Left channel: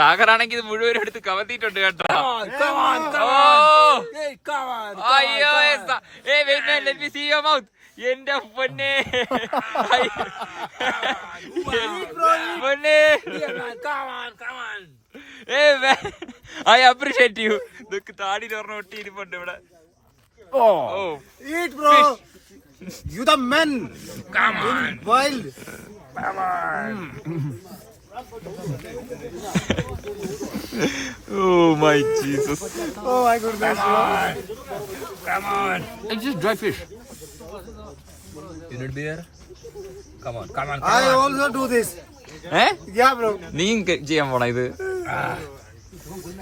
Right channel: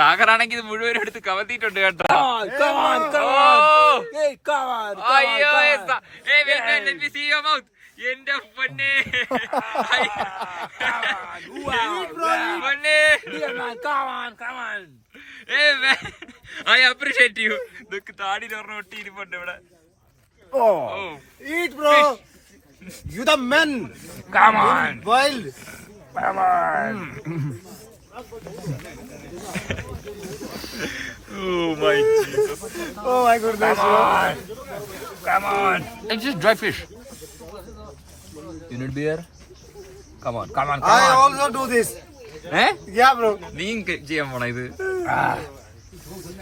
സാഗറാണെങ്കിൽ ഇത് മുഴുവനും എടുത്ത് കവത്തിയിട്ടുണ്ട് കേട്ടോ. അയ്യോ എന്റെ പൊന്നെ ഐ അപ്രീഷിയേറ്റ് യു. ഇതൊക്കെ താടിയിൽ ഒരെണ്ണം ഒട്ടിയിരിപ്പുണ്ട് ഇവിടെ. Eat, bro. You the men. Come on. Wild. Come on. Oh my Jesus. Oh my goodness. Come on. It's just dry fish. You need beer? Come on. Come on. I also do this. Eh? Yeah, bro. നീ ചെയ്യാൻ പോണ ഇത്?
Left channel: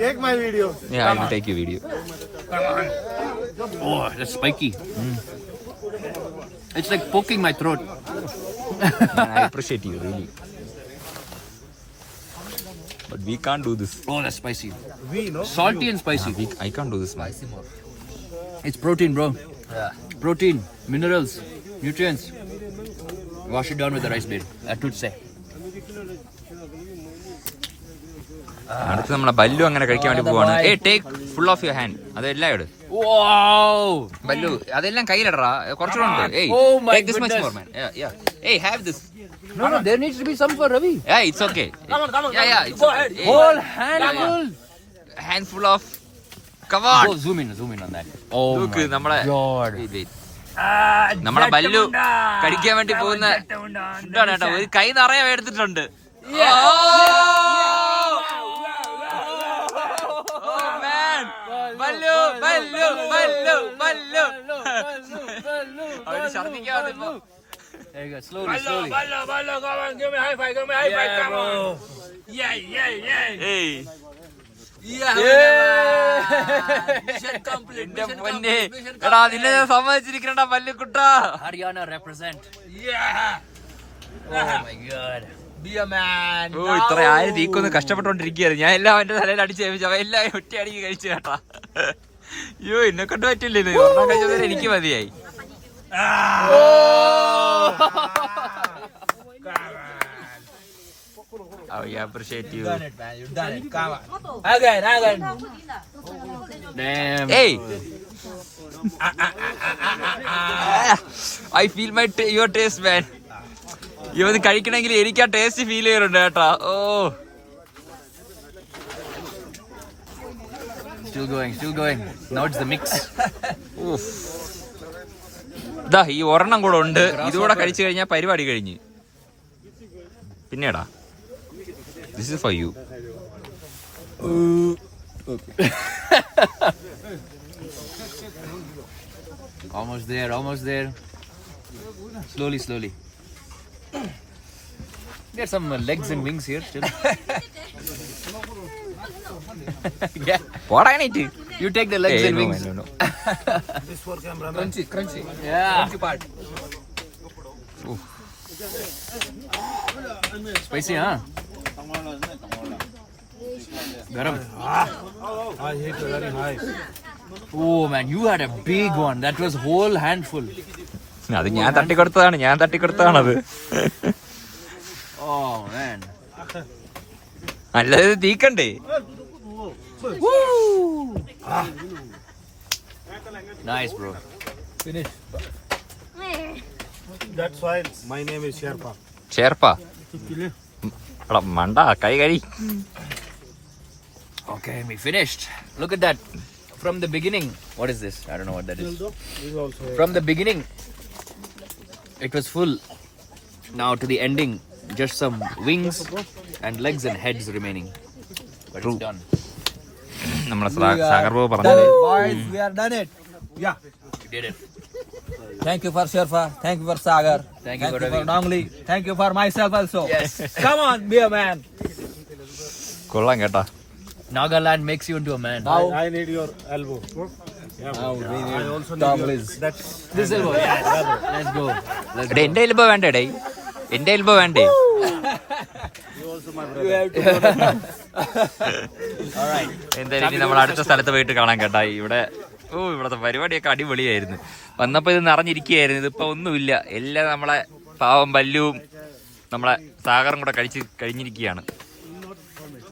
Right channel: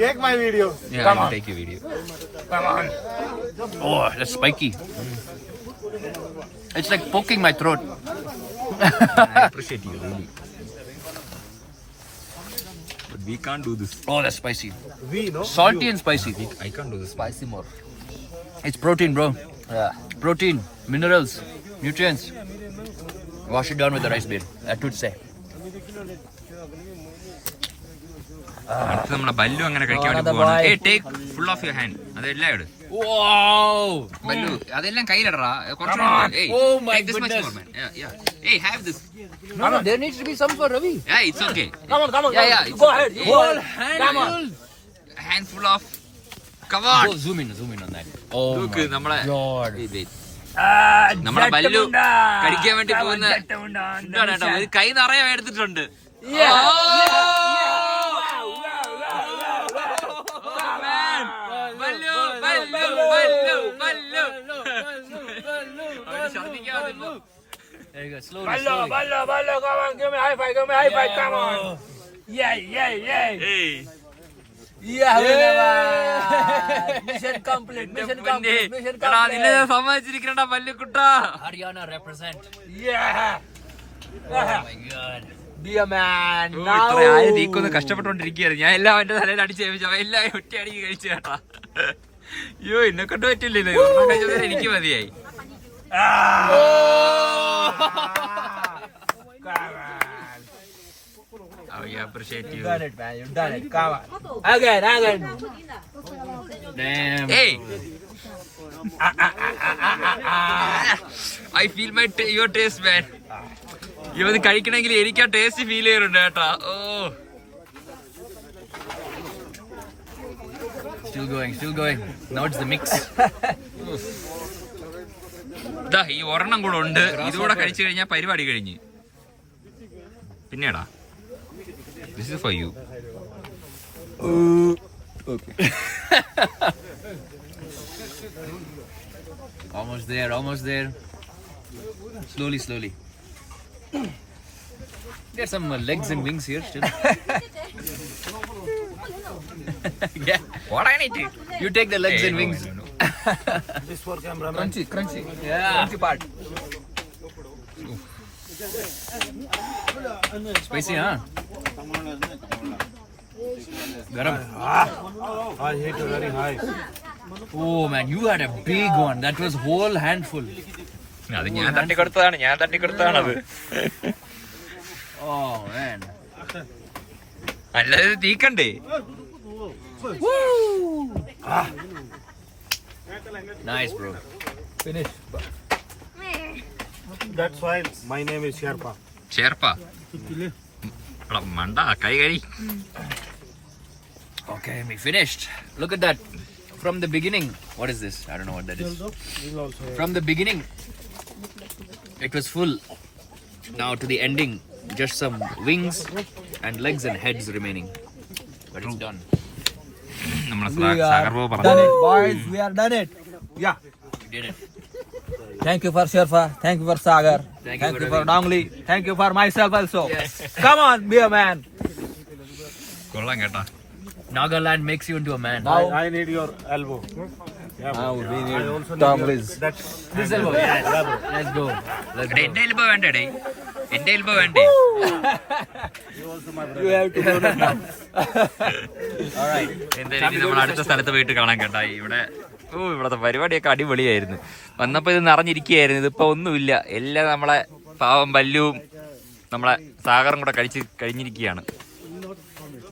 Take my video. Yeah, I will take your video. Come on. Oh, that's spiky. It's like poking my throat. I appreciate you, really. But we can't do this. Oh, that's spicy. We know. Salty and spicy. I can't do this. Spicy more. It's protein, bro. Yeah. Protein, minerals, nutrients. Wash it down with the rice bean. That would say. അടുത്ത് നമ്മളെ ബല്ലു അങ്ങനെ കഴിക്കാൻ വേണ്ടി പോവാണ്. Take full of your hand. അതെല്ലാം ഇട്. ബല്ലു അതെല്ലാം കയ്യിലിടറാ. കുറച്ചുകൂടെ have this. No, there needs to be some for Ravi. Yeah, it's okay. Come on. Yeah, it's okay. Whole handful. Handful of. Come on. Oh, zoom in on that. Oh നോക്ക് നമ്മളെ God. നമ്മളെ ബല്ലു കഴിക്കാൻ വേണ്ടി പോകുന്ന ഫുഡാണ് കേട്ടോ. ഒരു കൈ നിറയെ എടുത്തിട്ടുണ്ട്. അവന് ഛർദിക്കാതെ ഇപ്പൊ. There you go. Slowly. Ballo, come on. Give me high five. Come on. Yeah. ഏയ് Mission complete. എന്റെ പൊന്നെ എടാ നിന്നെ ഞാൻ സമ്മതിച്ചിരിക്കണ പല്ലുക്കുട്ടാ. Haryana represent. Yeah. Oh my God. Be a man. ഓ ഇത്ര ആര് തീക്കൊന്ന് കഷ്ടപ്പെട്ടോണ്ടിരിക്കുകയായിരുന്നു. ഞാൻ എല്ലാം അവന്റെ തലയിൽ അടിച്ച് ഏൽപ്പിച്ചു. അവൻ എല്ലാം ഒറ്റ അടിക്ക് കഴിച്ചു കേട്ടാ. അയ്യോ എന്നെ കൊണ്ട് പറ്റില്ലല്ലോ. ഒരെണ്ണം കഴിച്ചവരെ എനിക്ക് മതിയായി. I appreciate you. You done it. Come on. Again. Damn. Hey. I feel your taste, man. ഇവന്ന് കഴിക്കണമെങ്കിൽ എനിക്ക് ആ ടേസ്റ്റ് ഫീൽ ചെയ്യാറുണ്ട് കേട്ടാ. ഓ Still going. Now it's the mix. ഇതാ ഈ ഒരെണ്ണം കൂടെ ഉണ്ട്. ഇതുകൂടെ കഴിച്ചു കഴിഞ്ഞാൽ പരിപാടി കഴിഞ്ഞ്. പിന്നെടാ this is for you. Okay. Almost there. Slowly. There's some legs and wings here still. Yeah. What I need to? You take the legs and wings. No. This for cameraman. Crunchy. Yeah. Crunchy part. Spicy, huh? Garam. I hit very high. Oh man, you had a big one. That was whole handful. അത് ഞാൻ തട്ടിക്കൊടുത്തതാണത്. Oh man. നല്ലത് തീക്കണ്ടേ. Nice, bro. Finish. That's why my name is Sherpa. ചേർപ്പാ എടാ മണ്ട കൈ കഴി. Okay, we finished. Look at that. From the beginning, what is this? I don't know what that is. From the beginning, it was full. Now to the ending, just some wings and legs and heads remaining. But it's done. നമ്മളെ സാഗർ ബാബു പറഞ്ഞു. Boys, we are done it. Yeah. You did it. Thank you for Sherpa. Thank you for Sagar. Thank you for Dongli. Thank you for myself also. Yes. Come on, be a man. കൊള്ളാം കേട്ടാ. Nagaland makes you into a man. I need your elbow. Yeah, bro. I also need your that. This elbow. Yes. Let's go. എടേ എന്റെ എൽബോ വേണ്ടേ? എന്റെ എൽബോ വേണ്ടേ? You also my brother. All right. എന്തായാലും നമ്മൾ അടുത്ത സ്ഥലത്ത് പോയിട്ട് കാണാൻ കേട്ടാ. ഇവിടത്തെ പരിപാടിയൊക്കെ അടിപൊളിയായിരുന്നു. വന്നപ്പോ ഇത് നിറഞ്ഞിരിക്കുകയായിരുന്നു. ഇതിപ്പോ ഒന്നുമില്ല. എല്ലാം നമ്മളെ പാവം ബല്ലുവും നമ്മളെ സാഗറും കൂടെ കഴിഞ്ഞിരിക്കുകയാണ്.